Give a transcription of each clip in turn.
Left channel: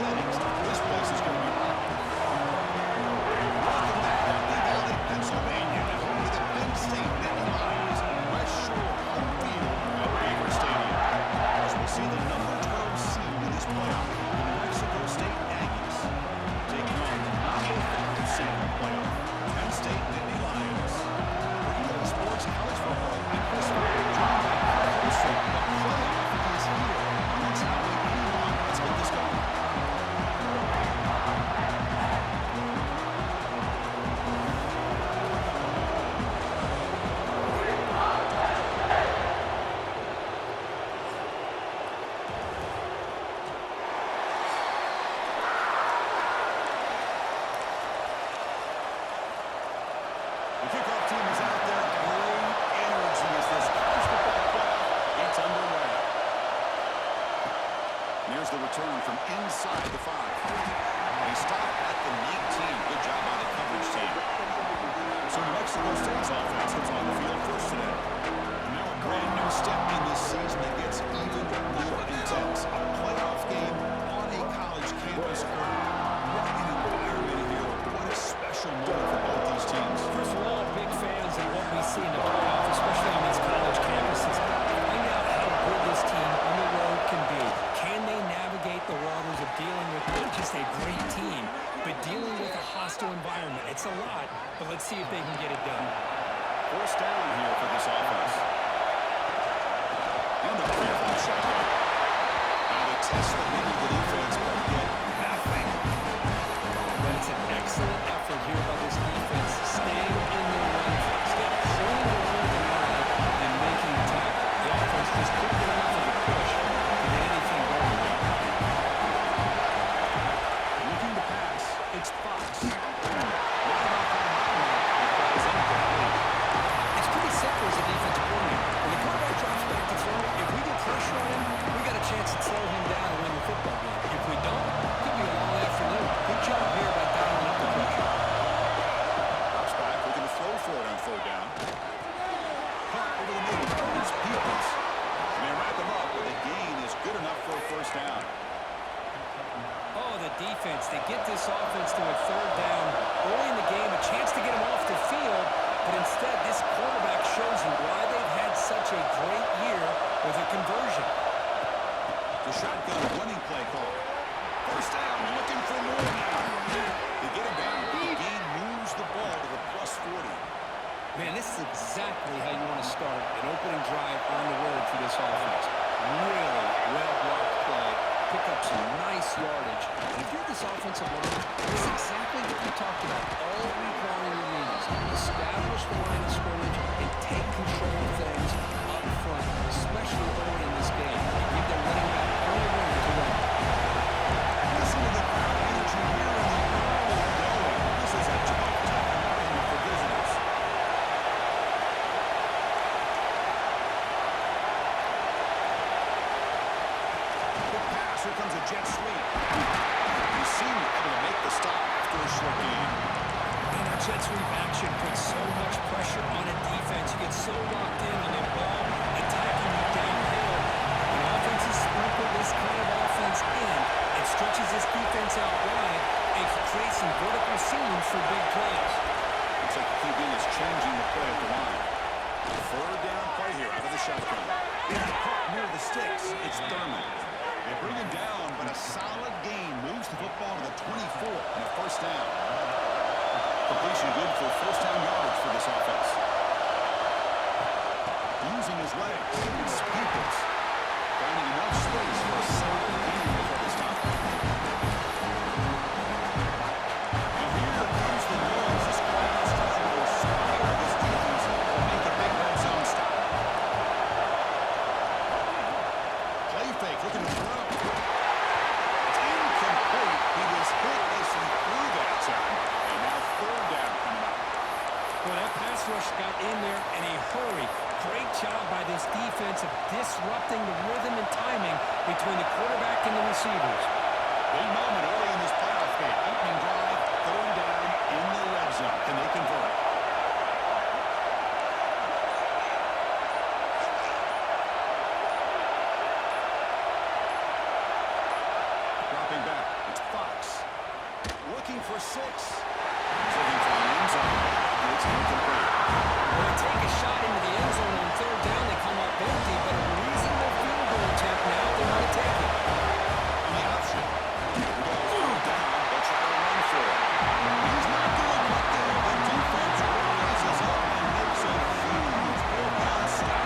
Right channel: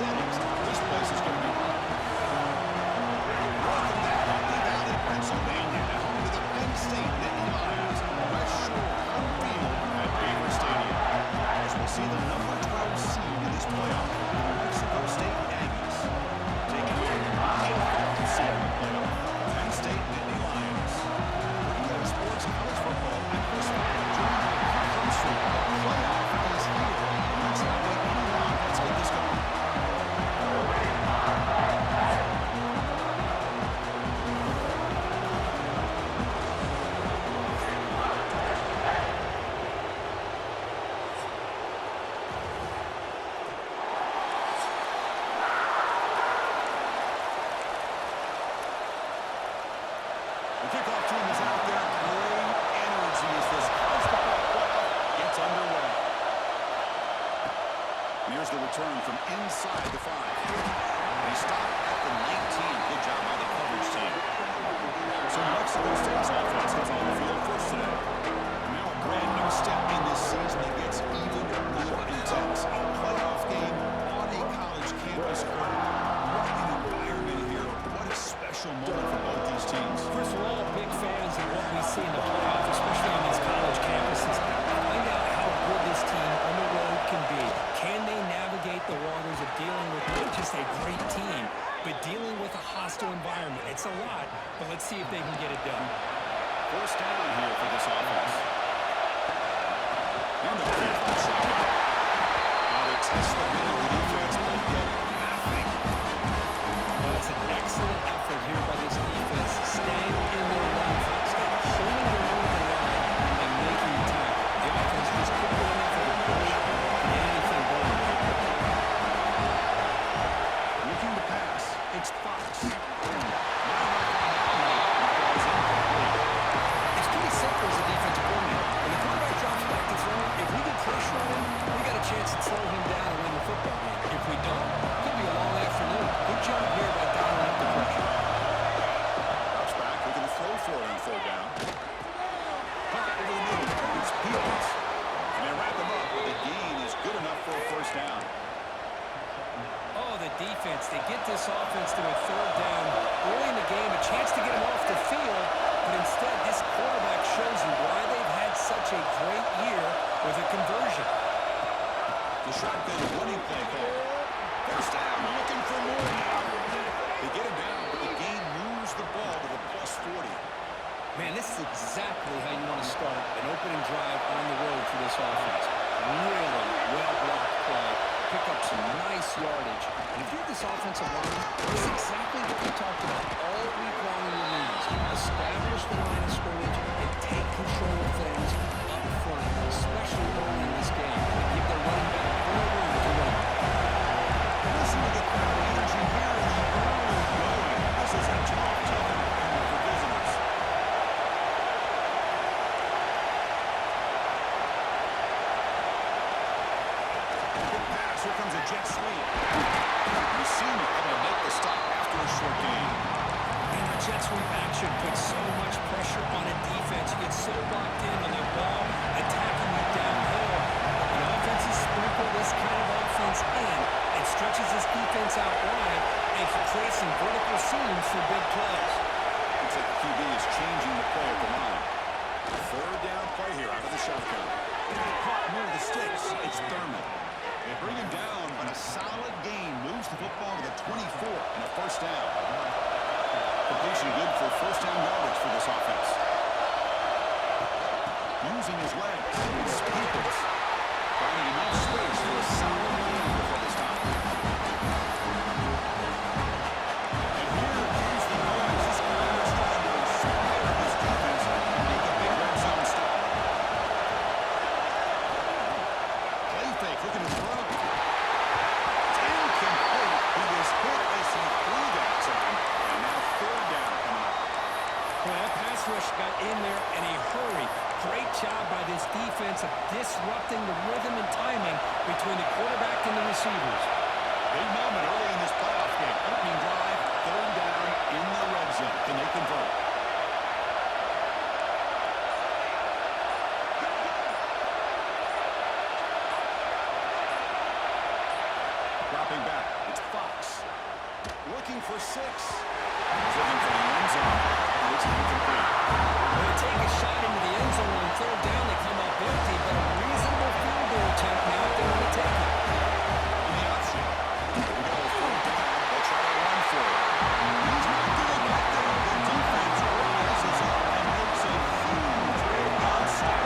settings, this place is going to be rocking. Welcome to Happy Valley, Pennsylvania, and home to the Penn State Nittany Lions, West Shore home field at Beaver Stadium. As we'll see the number 12 seed in this playoff, the New Mexico State Aggies, taking on the number 5 seed in the playoff, Penn State Nittany Lions. For Sports College Football, I'm Chris Fowler, joined by Kurt Holmstrom. The playoff is here. Let's not wait any longer. Let's get this going. The kickoff team is out there. Great energy as this college football playoff gets underway. And here's the return from inside the 5. They stop at the 19. Good job by the coverage team. So New Mexico State's offense comes on the field first today. And now a brand new step in this season that gets even more intense. A playoff game on a college campus court. What an environment here. What a special moment for both these teams. First, we're all big fans of what we see in the playoff, especially on these college campuses. Find out how good this team on the road can be. Can they navigate the waters of dealing with not just a great team, but dealing with a hostile environment? It's a lot, but let's see if they can get it done. First down here for this offense. And a full shotgun. Now they test the middle of the defense, but get nothing. But it's an excellent effort here by this defense, staying in their run fits, holding their own at the line and making the tackle. The offense just couldn't get enough of a push to get anything going there. Looking to pass, it's Fox. Not enough on that one. It falls incomplete. It's pretty simple as a defensive coordinator. When the quarterback drops back to throw, if we get pressure on him, we got a chance to slow him down and win the football game. If we don't, it could be a long afternoon. Good job here by dialing up the pressure. Drops back, looking to throw for it on third down. Punt over the middle. It's Peoples. And they wrap him up, but the gain is good enough for a first down. Oh, the defense. They get this offense to a third down early in the game, a chance to get him off the field, but instead this quarterback shows you why they've had such a great year with a conversion. The shotgun running play call. First down, looking for more now. They get it down, but the gain moves the ball to the +40. Man, this is exactly how you want to start an opening drive on the road for this offense. Really well-blocked play. Pick up some nice yardage. And if you're this offensive line, this is exactly what we talked about all week long in the meetings. Establish the line of scrimmage and take control of things up front, especially early in this game. And give their running back plenty of room to run. Listen to the crowd energy here in the early going. This is a tough environment for visitors. Good pass. Here comes a jet sweep. You see me able to make the stop after a short gain. And that jet sweep action puts so much pressure on a defense. You get so locked in on the ball, attacking you downhill. When offenses sprinkle this kind of offense in, it stretches this defense out wide and can create some vertical seams for big plays. Looks like the QB is changing the play at the line. Third down play here out of the shotgun. And caught near the sticks. It's Thurman. They bring him down, but a solid gain moves the football to the 24 and a first down. Completion good for first down yardage for this offense. Using his legs, it's Peoples. Finding enough space for a solid gain before they stop. And here comes the noise. This crowd is trying to inspire this defense to make a big red zone stop. Play fake, looking to throw. It's incomplete. He was hit as he threw that time. And now third down coming up. Well, that pass rush got in there in a hurry. Great job by this defense of disrupting the rhythm and timing between the quarterback and the receivers. Big moment early in this playoff game. Opening drive, third down in the red zone. Can they convert? Dropping back, It's Fox. Looking for 6. He's looking for the end zone. It's incomplete. When they take a shot into the end zone on third down, they come up empty, but a reasonable field goal attempt now if they want to take it. On the option. Here we go. Third down. They'll try to run for it. He's not going to get there. The defense rises up and makes a huge third down stop.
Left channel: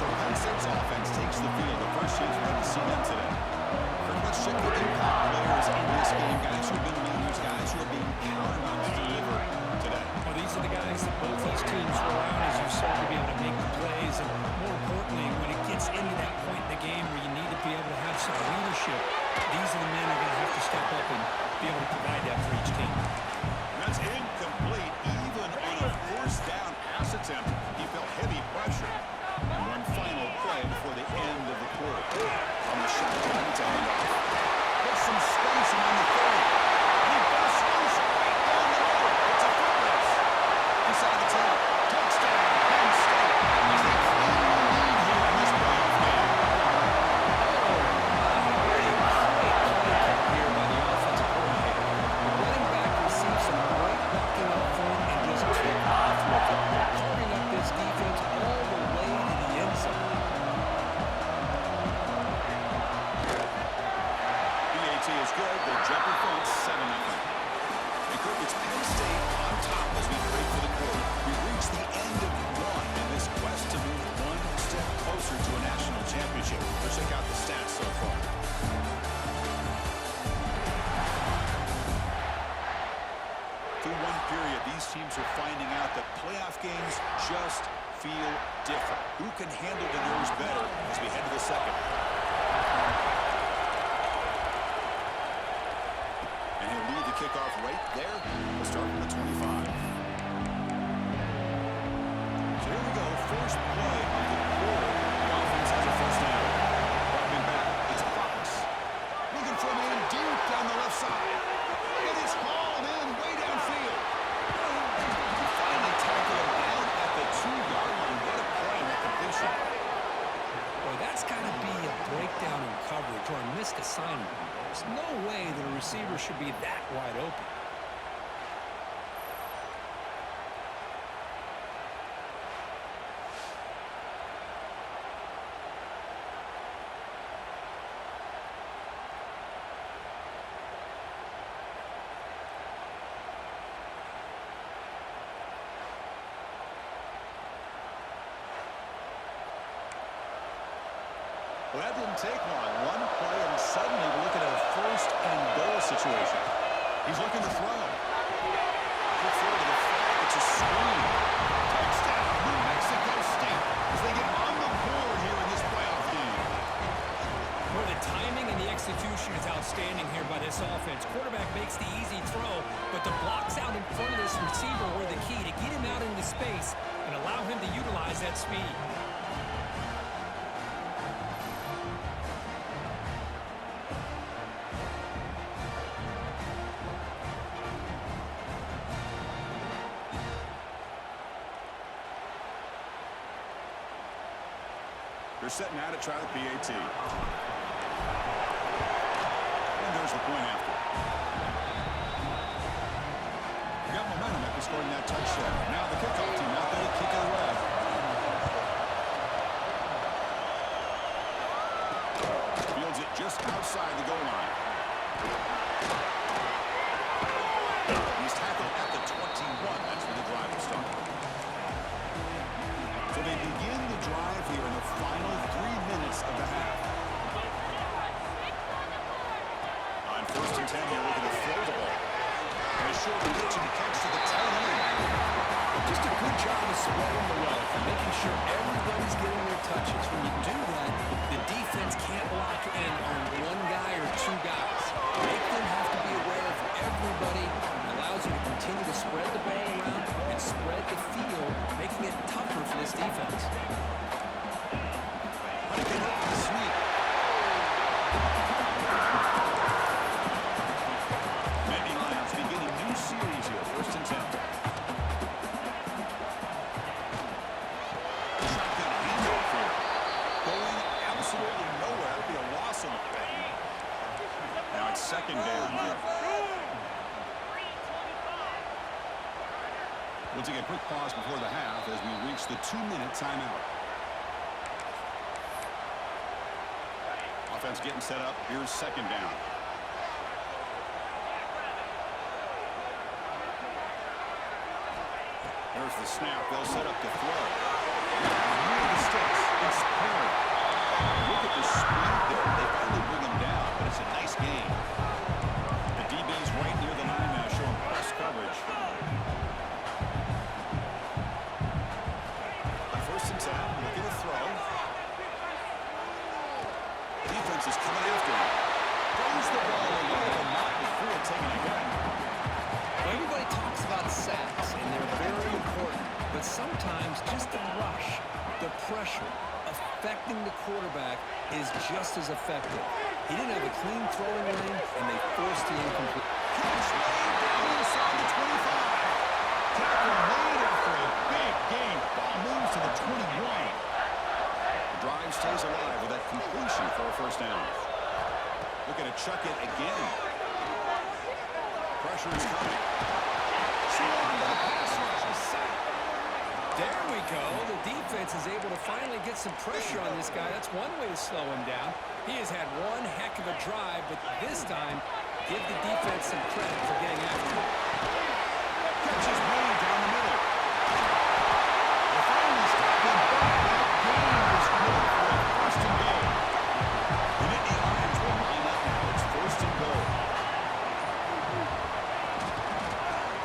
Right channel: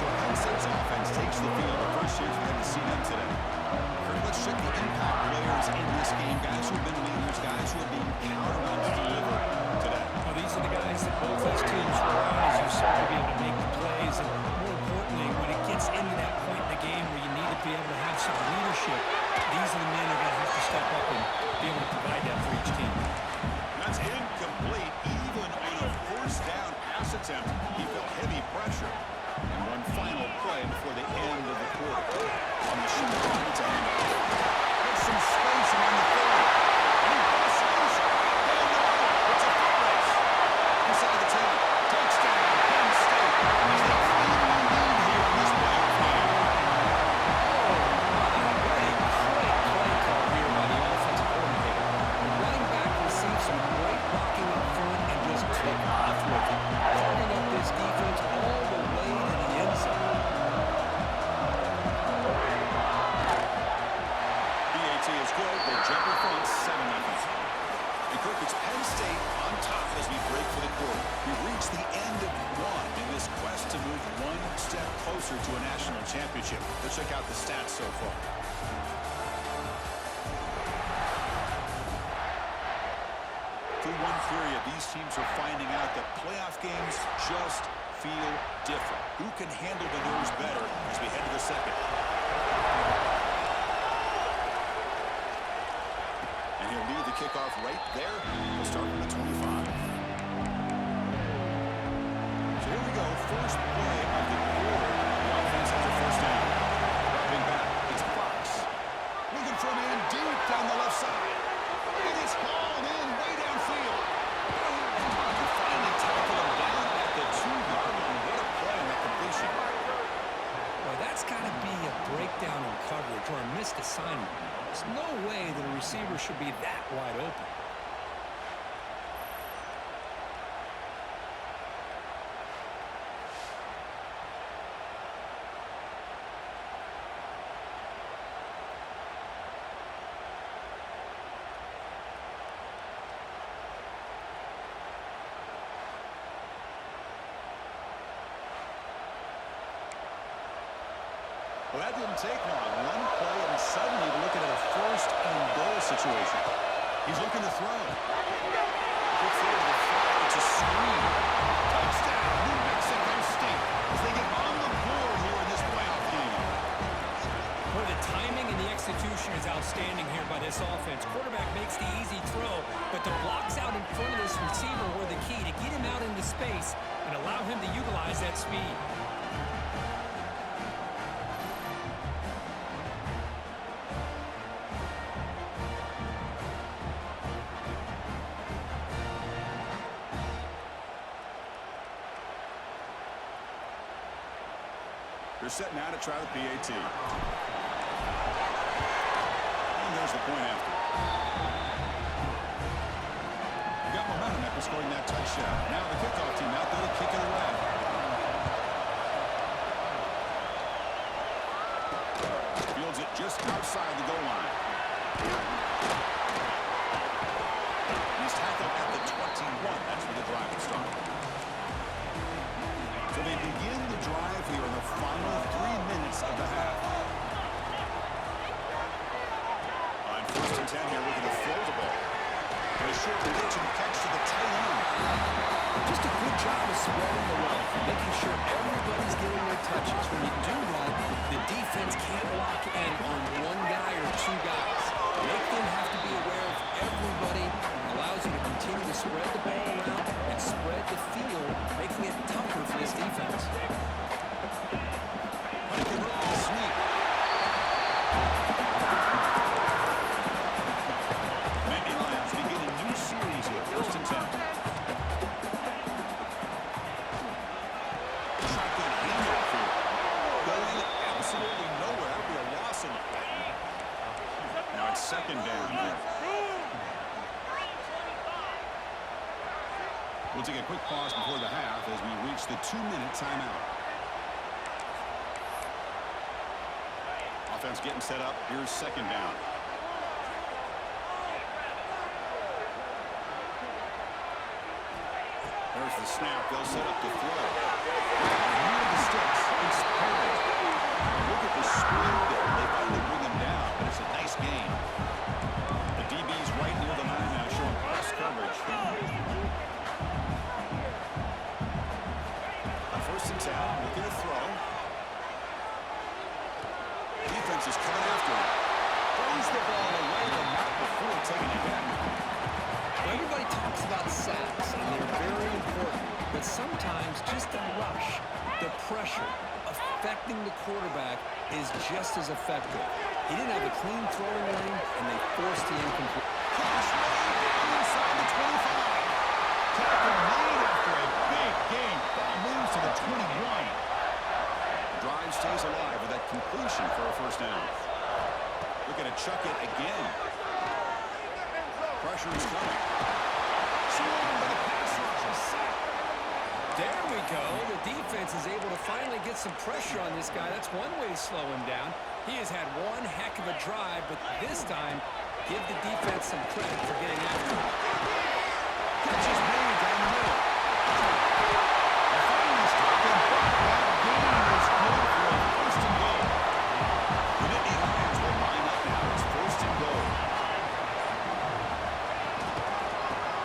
So Penn State's offense takes the field. The first chance we had to see them today. Kurt, let's check the impact players in this game. Guys who have been leaders, guys who are being counted on to deliver today. Well, these are the guys that both these teams rely on, as you saw, to be able to make the plays. And more importantly, when it gets into that point in the game where you need to be able to have some leadership, these are the men who are going to have to step up and be able to provide that for each team. That's incomplete. Even on a first down pass attempt, he felt heavy pressure. And one final play before the end of the quarter. On the shotgun, it's a handoff. Gets some space on the 30. And he busts loose right down the middle. It's a foot race. Inside the 10. Touchdown, Penn State. As they claim the lead here in this playoff game. Oh, my. What a great play call here by the offensive coordinator. The running back received some great blocking up front and just took off with it, carving up this defense all the way to the end zone. BAT is good. The jumper front 7-0. And Kirk, it's Penn State on top as we break for the quarter. We reach the end of one in this quest to move one step closer to a national championship. Let's check out the stats so far. Through one period, these teams are finding out that playoff games just feel different. Who can handle the nerves better as we head to the second? And he'll lead the kickoff right there. We'll start from the 25. So here we go. First play of the quarter. The offense has a first down. Dropping back. It's Fox. Looking for a man deep down the left side. And it's hauled in way downfield. He finally tackled him down at the 2-yard line. What a play on that completion. Boy, that's got to be a breakdown in coverage or a missed assignment. There's no way that a receiver should be that wide open. Well, that didn't take long. One play, and suddenly we're looking at a first-and-goal situation. He's looking to throw. Good throw to the flat. It's a screen. Touchdown, New Mexico State, as they get on the board here in this playoff game. Well, the timing and the execution is outstanding here by this offense. Quarterback makes the easy throw, but the blocks out in front of this receiver were the key to get him out into space and allow him to utilize that speed. They're set now to try the PAT. And there's the point after. We got momentum after scoring that touchdown. Now the kickoff team out there to kick it away. Fields it just outside the goal line. He's tackled at the 21. That's where the drive will start. So they begin the drive here in the final 3 minutes of the half. On 1st and 10 here, looking to throw the ball. And a short pitch and catch to the tight end. Just a good job of spreading the wealth, making sure everybody's getting their touches. When you do that, the defense can't lock in on one guy or two guys. Make them have to be aware of everybody. Allows you to continue to spread the ball around and spread the field, making it tougher for this defense. Sweep. Nittany Lions begin a new series here, 1st and 10. Shotgun handoff here. Going absolutely nowhere. That'll be a loss in the play. Now it's second down here. We'll take a quick pause before the half as we reach the 2-minute timeout. Offense getting set up. Here's second down. There's the snap. They'll set up the throw. Near the sticks. It's Perry. Look at the speed there. They finally bring him down, but it's a nice game. The DB's right near the line now, showing press coverage. On 1st and 10, looking to throw. Defense is coming after him. Throws the ball away, but not before taking a hit. Well, everybody talks about sacks, and they're very important. But sometimes just the rush, the pressure, affecting the quarterback is just as effective. He didn't have a clean throwing lane, and they forced the incomplete. Catch made down inside the 25. Tackle made after a big game. Ball moves to the 21. The drive stays alive with that completion for a first down. Looking to chuck it again. Pressure is coming. Swarmed by the pass rush. A sack. There we go. The defense is able to finally get some pressure on this guy. That's one way to slow him down. He has had one heck of a drive, but this time, give the defense some credit for getting after him. Catch is made down the middle. They finally stop him, but that gain is good for a 1st and goal. The Nittany Lions will line up now. It's 1st and goal.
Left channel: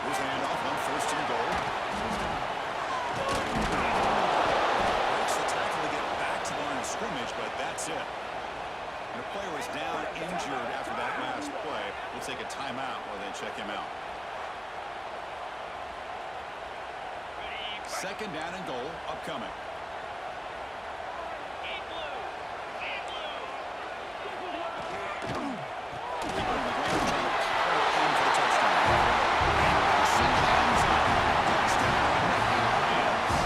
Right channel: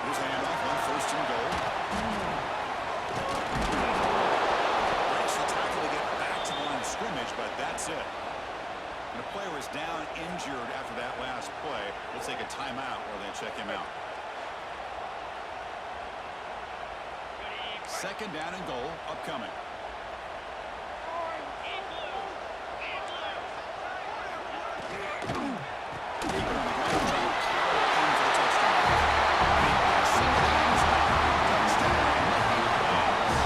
Here's a handoff on 1st and goal. Breaks the tackle to get back to the line of scrimmage, but that's it. And a player is down injured after that last play. We'll take a timeout while they check him out. 2nd down and goal upcoming. Keep it on the ground, trying to power in for the touchdown. And pushing the end zone. Touchdown, Nittany Lions.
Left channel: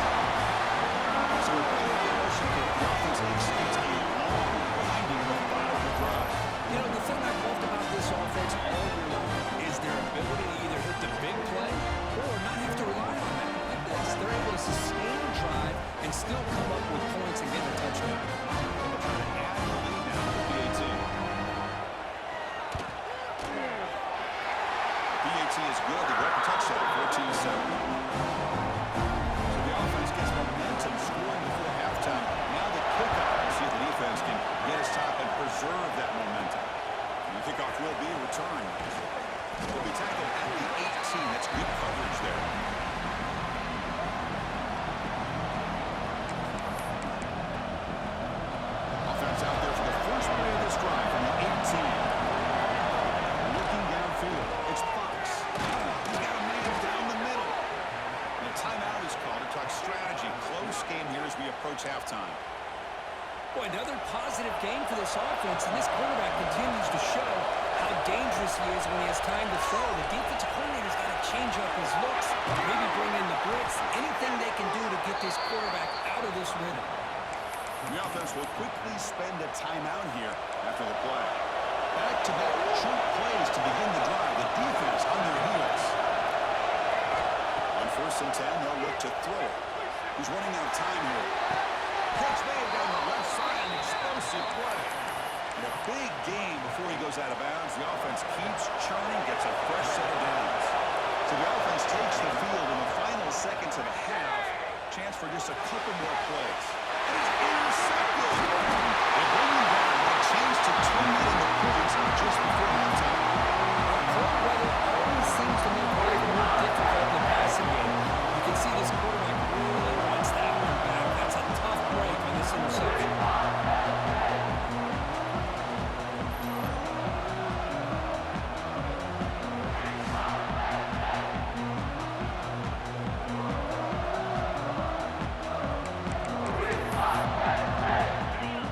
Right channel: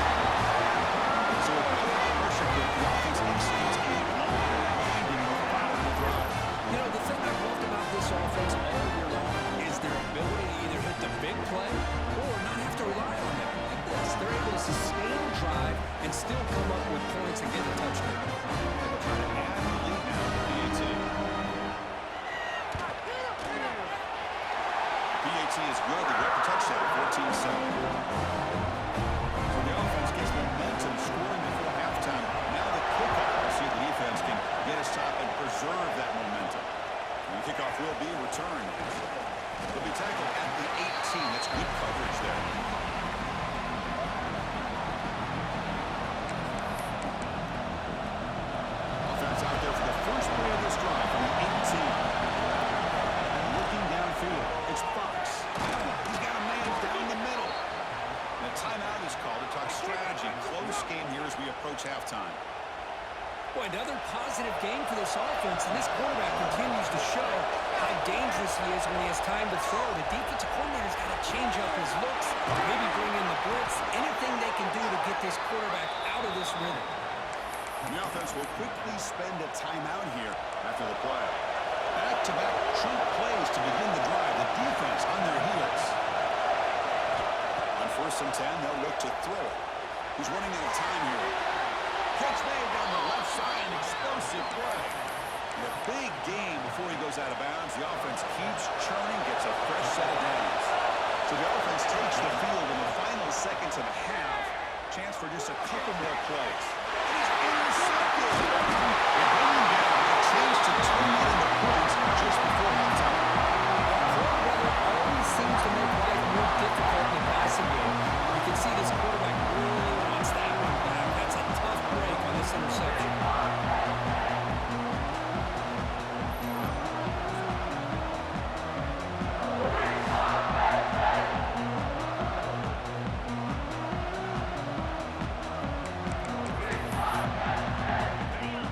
So with playoff pressure here, the offense executes a long, winding, methodical drive. You know, the thing I've loved about this offense all year long is their ability to either hit the big play or not have to rely on that. Like this, they're able to sustain a drive and still come up with points and get a touchdown. And they'll try to add the lead now to PAT. PAT is good. They got the touchdown, 14-7. So the offense gets momentum scoring before halftime. Now the kickoff. We'll see if the defense can get a stop and preserve that momentum. The kickoff will be returned. They'll be tackled at the 18. That's good coverage there. Offense out there for the first play of this drive from the 18. Looking downfield. It's Fox. He's got a man down the middle. And a timeout is called to talk strategy. Close game here as we approach halftime. Boy, another positive game for this offense, and this quarterback continues to show how dangerous he is when he has time to throw. The defensive coordinator's got to change up his looks, maybe bring in the blitz, anything they can do to get this quarterback out of this rhythm. The offense will quickly spend a timeout here after the play. Back-to-back chunk plays to begin the drive. The defense on their heels. On 1st and 10, they'll look to throw it. He's running out of time here. Catch made down the left side, an explosive play. And a big game before he goes out of bounds. The offense keeps churning, gets a fresh set of downs. So the offense takes the field in the final seconds of the half. Chance for just a couple more plays. And he's intercepted. They bring him down. A chance to turn it into points just before halftime. Cold weather always seems to make life more difficult in the passing game. You can see this quarterback really wants that one back. That's a tough break on this interception.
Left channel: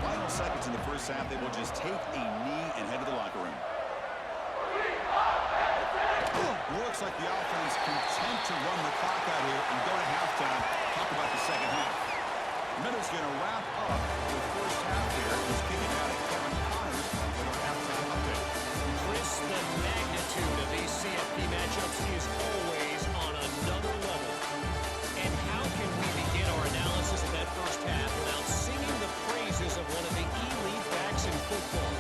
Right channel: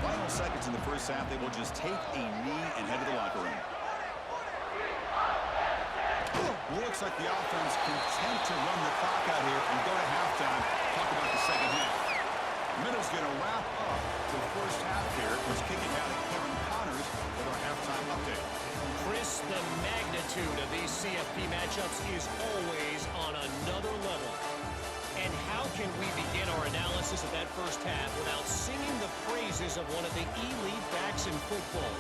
Final seconds in the first half, they will just take a knee and head to the locker room. Looks like the offense content to run the clock out here and go to halftime. Talk about the second half. Middle's going to wrap up the first half here. He's kicking out at Kevin Costner. runners with our halftime update. Chris, the magnitude of these CFP matchups is always on another level. And how can we begin our analysis of that first half without singing the praises of one of the elite backs in football?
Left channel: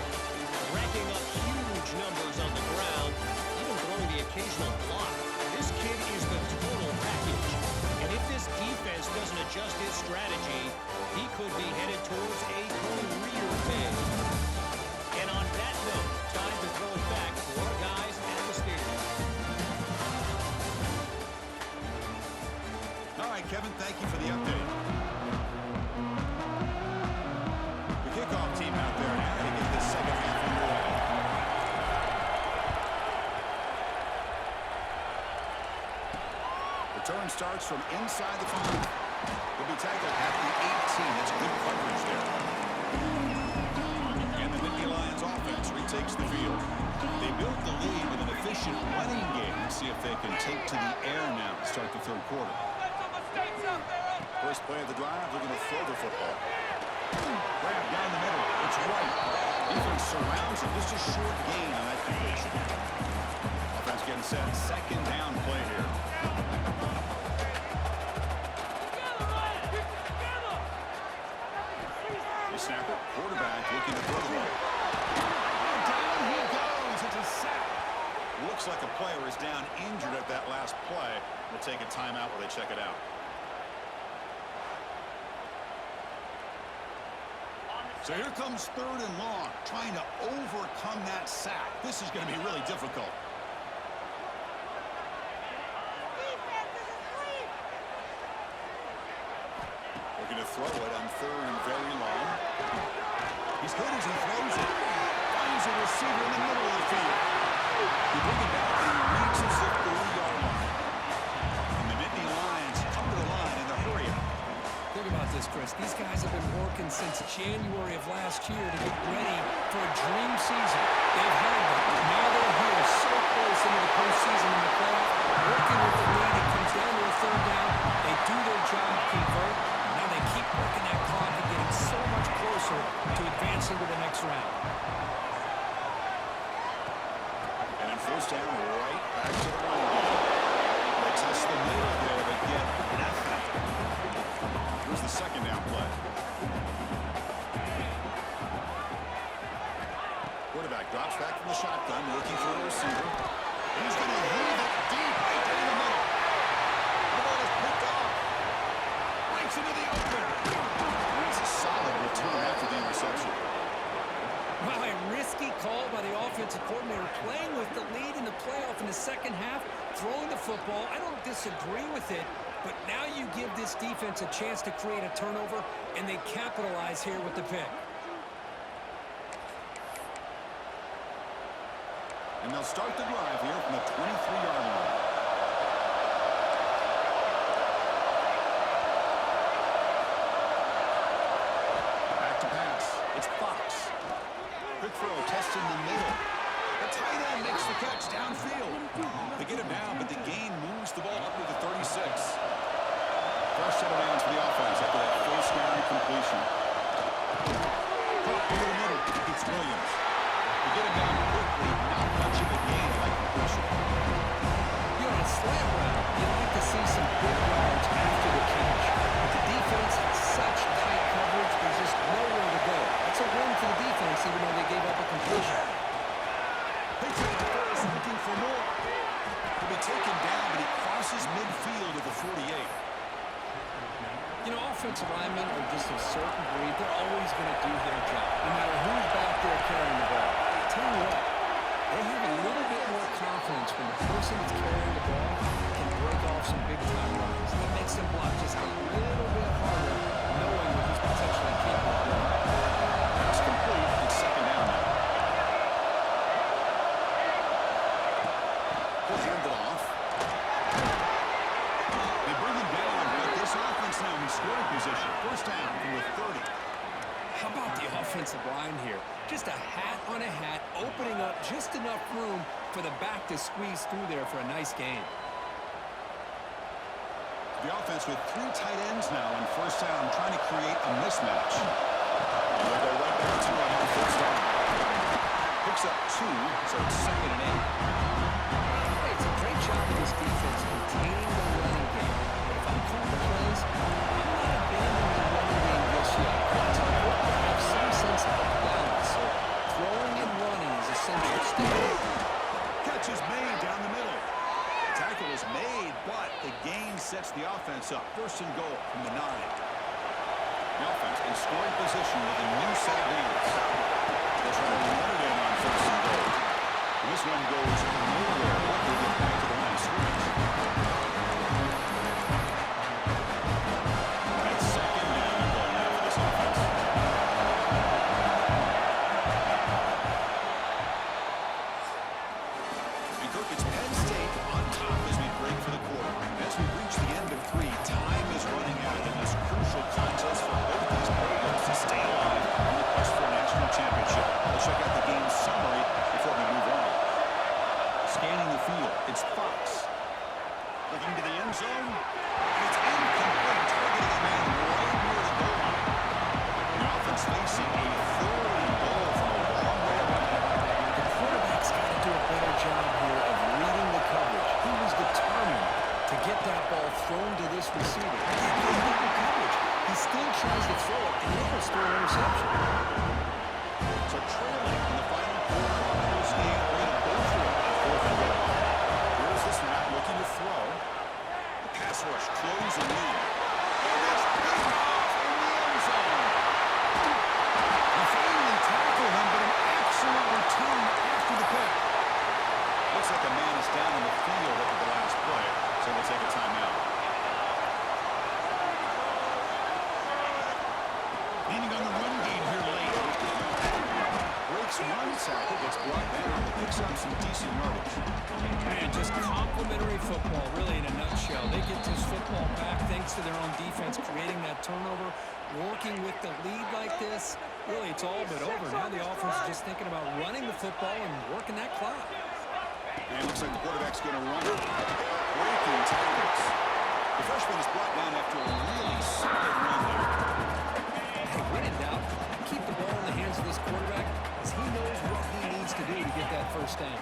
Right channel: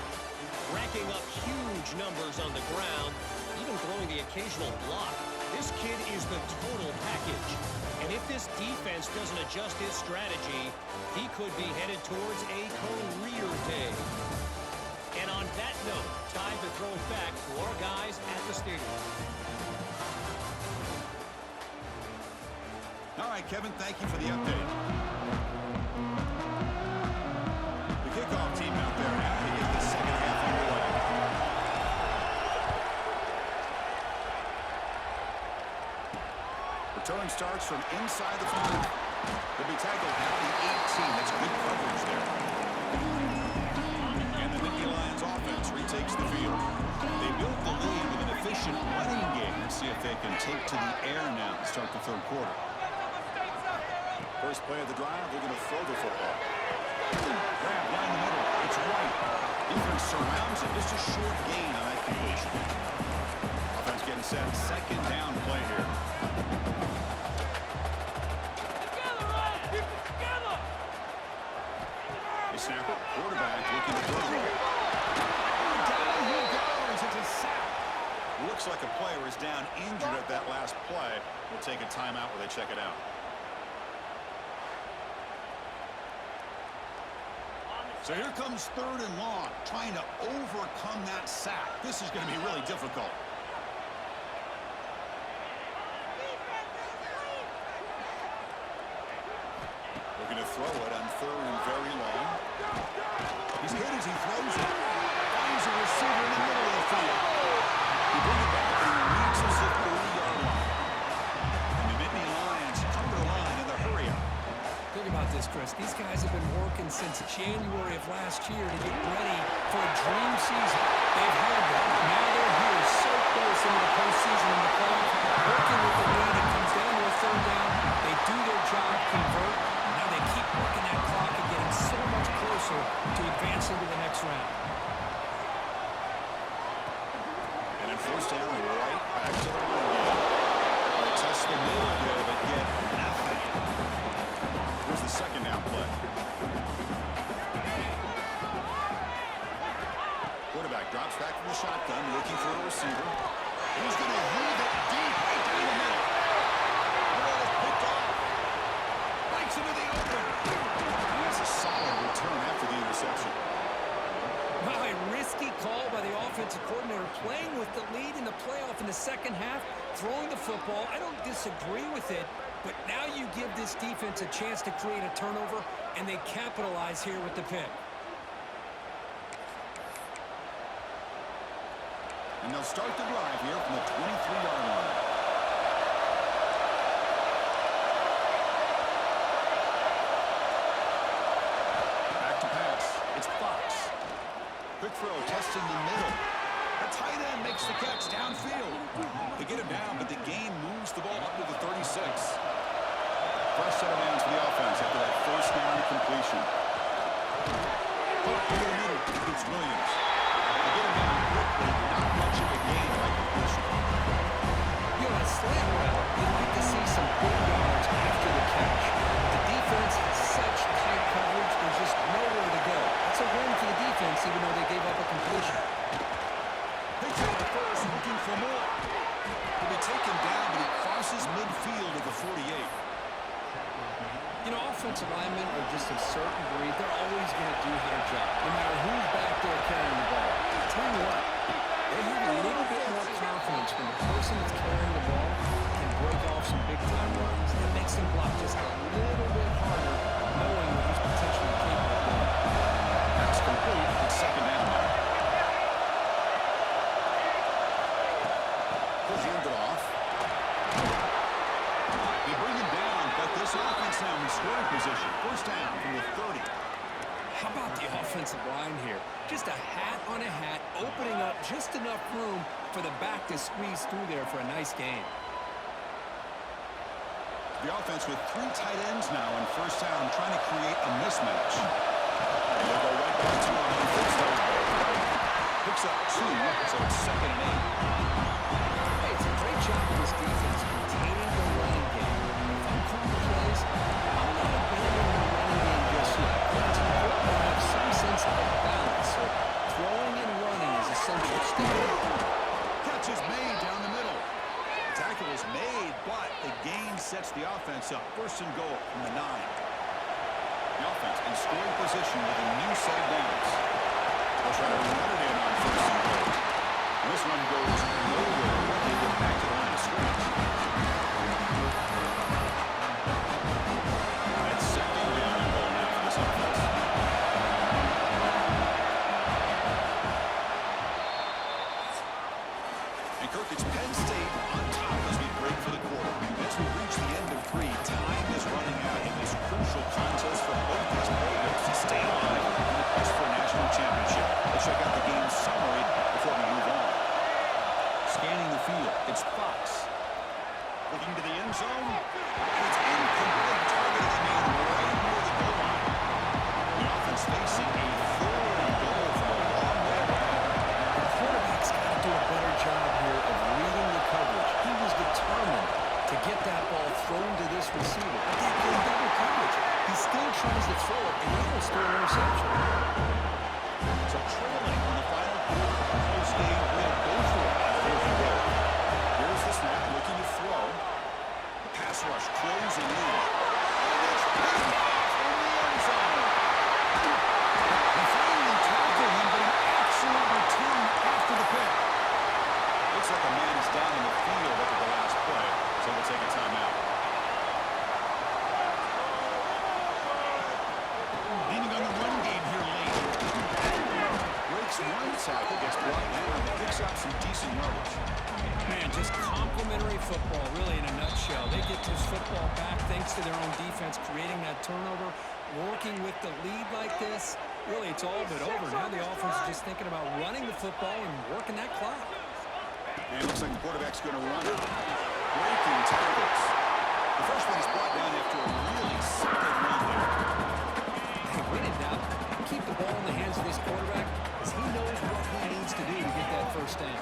Racking up huge numbers on the ground, even throwing the occasional block. This kid is the total package. And if this defense doesn't adjust its strategy, he could be headed towards a career day. And on that note, time to throw it back to our guys at the stadium. All right, Kevin, thank you for the update. The kickoff team out there now to get the second half underway. Return starts from inside the 5. They'll be tackled at the 18. That's good coverage there. And the Nittany Lions offense retakes the field. They built the lead with an efficient running game. Let's see if they can take to the air now to start the third quarter. First play of the drive, they're going to throw the football. Grab down the middle. It's White. Defense surrounds it. Just a short gain on that completion. Offense getting set. Second down play here. They snap it. Quarterback looking to throw the ball. Down he goes. It's a sack. Looks like a player is down injured at that last play. We'll take a timeout while they check it out. So here comes 3rd and long, trying to overcome that sack. This is going to be really difficult. Looking to throw it on 3rd and very long. He's hit as he throws it. Finds a receiver in the middle of the field. He brings it back and he reaches the 30-yard line. And the Nittany Lions come to the line in the hurry-up. Think about this, Chris. These guys have been working since January of last year to get ready for a dream season. They've had that. Now they're here so close into the postseason in the playoff, working with the lead. It comes down to a 3rd down. They do their job, convert. Now they keep working that clock and getting so much closer to advancing to the next round. And then 1st down, right back to the running game. They test the middle there, but get nothing. Here's the 2nd down play. Quarterback drops back from the shotgun, looking for a receiver. He's going to heave it deep right down the middle. The ball is picked off. Breaks into the open. And that's a solid return after the interception. Wow, a risky call by the offensive coordinator, playing with the lead in the playoff in the second half, throwing the football. I don't disagree with it, but now you give this defense a chance to create a turnover, and they capitalize here with the pick. And they'll start the drive here from the 23-yard line. Back to pass. It's Fox. Quick throw, testing the middle. The tight end makes the catch downfield. They get him down, but the gain moves the ball up to the 36. Fresh set of downs for the offense after that 1st down completion. Up to the middle. It's Williams. They get him down quickly. Not much of a gain by completion. You know, on a slant route, you'd like to see some big yards after the catch. But the defense has such tight coverage, there's just nowhere to go. That's a win for the defense, even though they gave up a completion. Picks up the first, looking for more. He'll be taken down, but he crosses midfield at the 48. You know, offensive linemen are just a certain breed. They're always going to do their job, no matter who's back there carrying the ball. I'll tell you what, they have a little bit more confidence when the person that's carrying the ball can break off some big-time runs. That makes them block just a little bit harder, knowing what he's potentially capable of doing. That's complete. It's 2nd down now. He'll hand it off. They bring him down, but this offense now in scoring position. 1st down from the 30. How about the offensive line here? Just a hat on a hat, opening up just enough room for the back to squeeze through there for a nice gain. The offense with 3 tight ends now in 1st down, trying to create a mismatch. And they'll go right back to him on 1st down. Picks up 2, so it's 2nd and 8. Hey, it's a great job of this defense containing the running game. But if I'm calling the plays, I'm not abandoning the running game just yet. It's important to have some sense of balance, so throwing and running is essential still. Catch is made down the middle. The tackle is made, but the gain sets the offense up. 1st and goal from the 9. The offense in scoring position with a new set of downs. They'll try to run it in on 1st and goal. And this one goes nowhere. What do you get back to the line of scrimmage? All right, 2nd down and goal now for this offense. And Kirk, it's Penn State on top as we break for the quarter. As we reach the end of 3, time is running out in this crucial contest for both these programs to stay alive in the quest for a national championship. Let's check out the game summary before we move on. Scanning the field, it's Fox. Looking to the end zone, and it's incomplete, targeting a man right near the goal line. The offense facing a 3rd and goal from a long way away. The quarterback's got to do a better job here of reading the coverage. He was determined to get that ball thrown to this receiver. But that good double coverage. He still tries to throw it, and he almost threw an interception. So trailing in the final quarter of a close game, we're going to go for it on 4th and goal. Here's the snap, looking to throw. The pass rush closing in. And it's picked off in the end zone. They finally tackle him, but an excellent return after the pick. Looks like a man is down on the field after the last play, so we'll take a timeout. Leaning on the run game here late. Breaks one tackle, gets brought down, but picks up some decent yardage. Man, just complimentary football, really, in a nutshell. They get this football back thanks to their own defense, creating that turnover, working with the lead like this. Really, it's all but over. Now the offense is just thinking about running the football and working that clock. And it looks like the quarterback's going to run it. Breaking tackles. The freshman is brought down after a really solid run there. Hey, when in doubt, keep the ball in the hands of this quarterback because he knows what he needs to do to get that 1st down.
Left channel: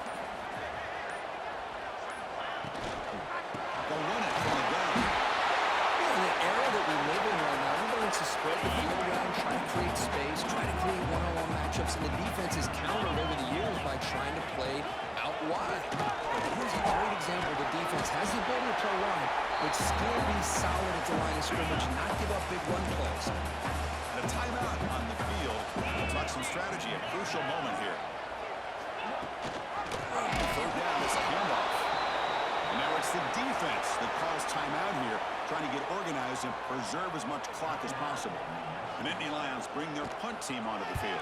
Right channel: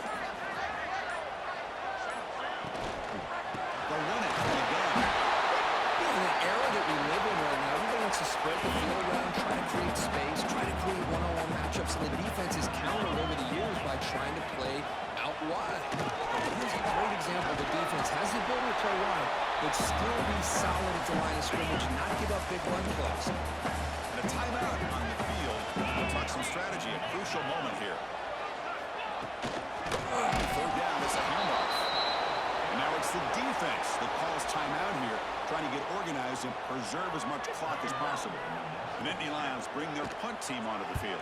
They'll run it from the gun. You know, in the era that we live in right now, everybody wants to spread the field around, try to create space, try to create one-on-one matchups, and the defense is countered over the years by trying to play out wide. But here's a great example. The defense has the ability to play wide, but still be solid at the line of scrimmage, not give up big run plays. And a timeout on the field. We'll talk some strategy, a crucial moment here. 3rd down, it's a handoff. And now it's the defense that calls timeout here, trying to get organized and preserve as much clock as possible. The Nittany Lions bring their punt team onto the field.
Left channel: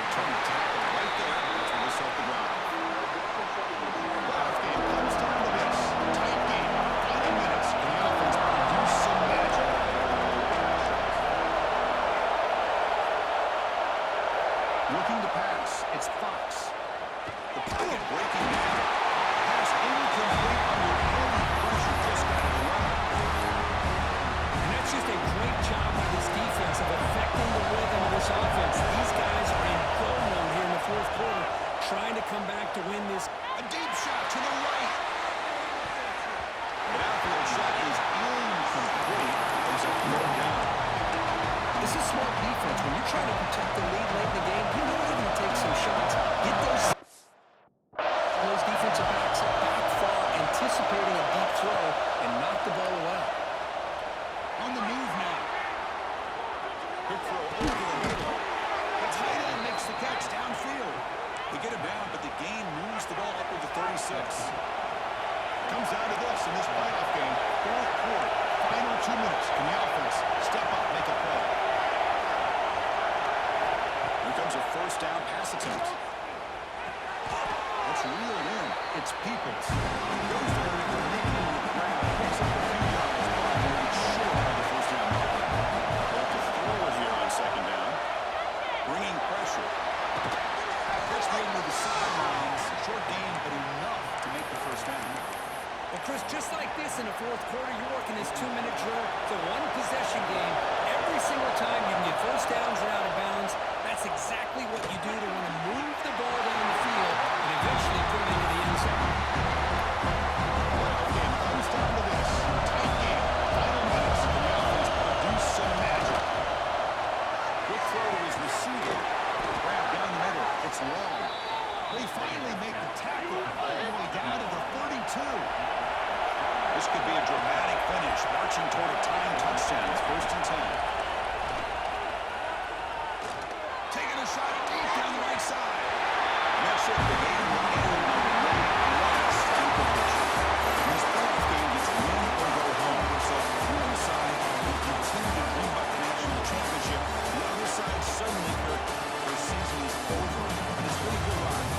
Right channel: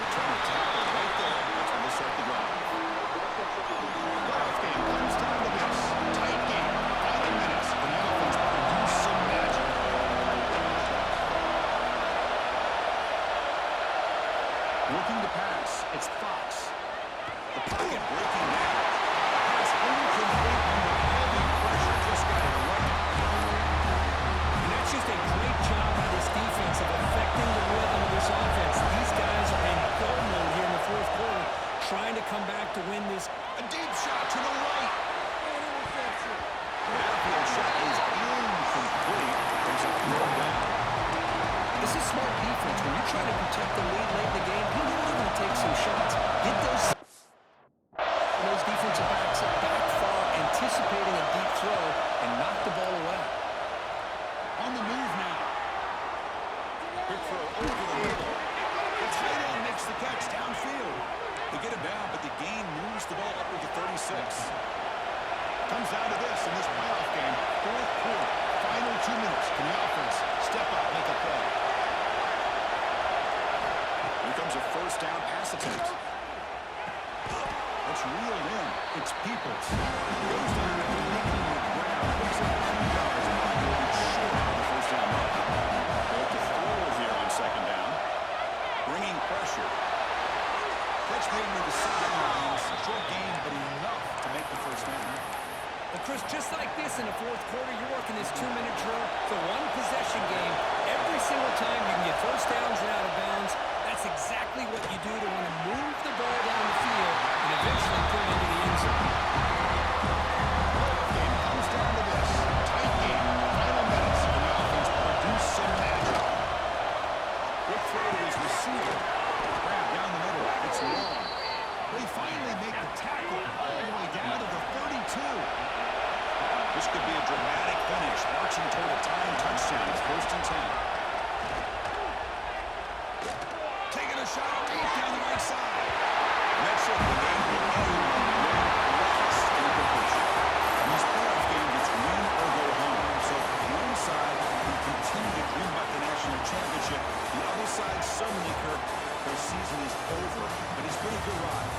Return the tackle right there. That's where they start the drive. Playoff game comes down to this. Tight game. Final minutes. And the offense produce some magic. Looking to pass. It's Fox. The pocket breaking down. Pass incomplete under heavy pressure. Just got it away. And that's just a great job by this defense of affecting the rhythm of this offense. These guys are in go mode here in the 4th quarter, trying to come back to win this. A deep shot to the right. The outfield shot is incomplete. There's a 3rd down. This is smart defense. When you're trying to protect the lead late in the game, you know you're going to take some shots. Get those defensive backs back far, anticipating a deep throw, and knock the ball away. On the move now. Quick throw over the middle. The tight end makes the catch downfield. They get him down, but the gain moves the ball up to the 36. Comes down to this in this playoff game. 4th quarter, final 2 minutes. Can the offense step up, make a play? Here comes a 1st down pass attempt. Let's reel it in. It's Peoples. Goes down after making the ground. Picks up a few yards, but it's short of the 1st down mark. They'll have to throw it here on 2nd down. Bringing pressure. Catch made to the sidelines. Short gain, but enough to make the 1st down. Well, Chris, just like this in the fourth quarter, you're working this 2-minute drill. It's a one-possession game. Every single time you can get first downs and out of bounds, that's exactly what you do to want to move the ball down the field and eventually put it into the end zone. Playoff game comes down to this. Tight game. Final minutes, and the offense produced some magic. Quick throw to his receiver. Grab down the middle. It's long. They finally make the tackle all the way down to the 32. This could be a dramatic finish, marching toward a tying touchdown. It's 1st and 10. Taking a shot deep down the right side. That's it. The game will end on one last incompletion. In these playoff games, it's win or go home. So one side will continue to dream about the national championship. The other side, suddenly, Kirk, their season is over. But it's been a good ride.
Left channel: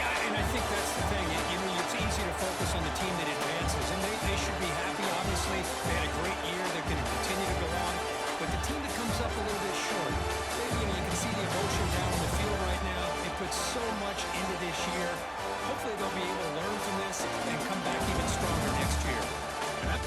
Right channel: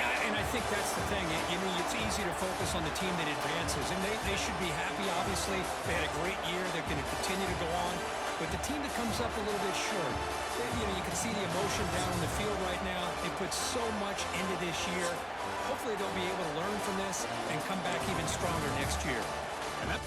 Yeah, and I think that's the thing. It's easy to focus on the team that advances, and they should be happy, obviously. They had a great year. They're going to continue to go on. But the team that comes up a little bit short, you can see the emotion down on the field right now. They put so much into this year. Hopefully they'll be able to learn from this and come back even stronger next year. And that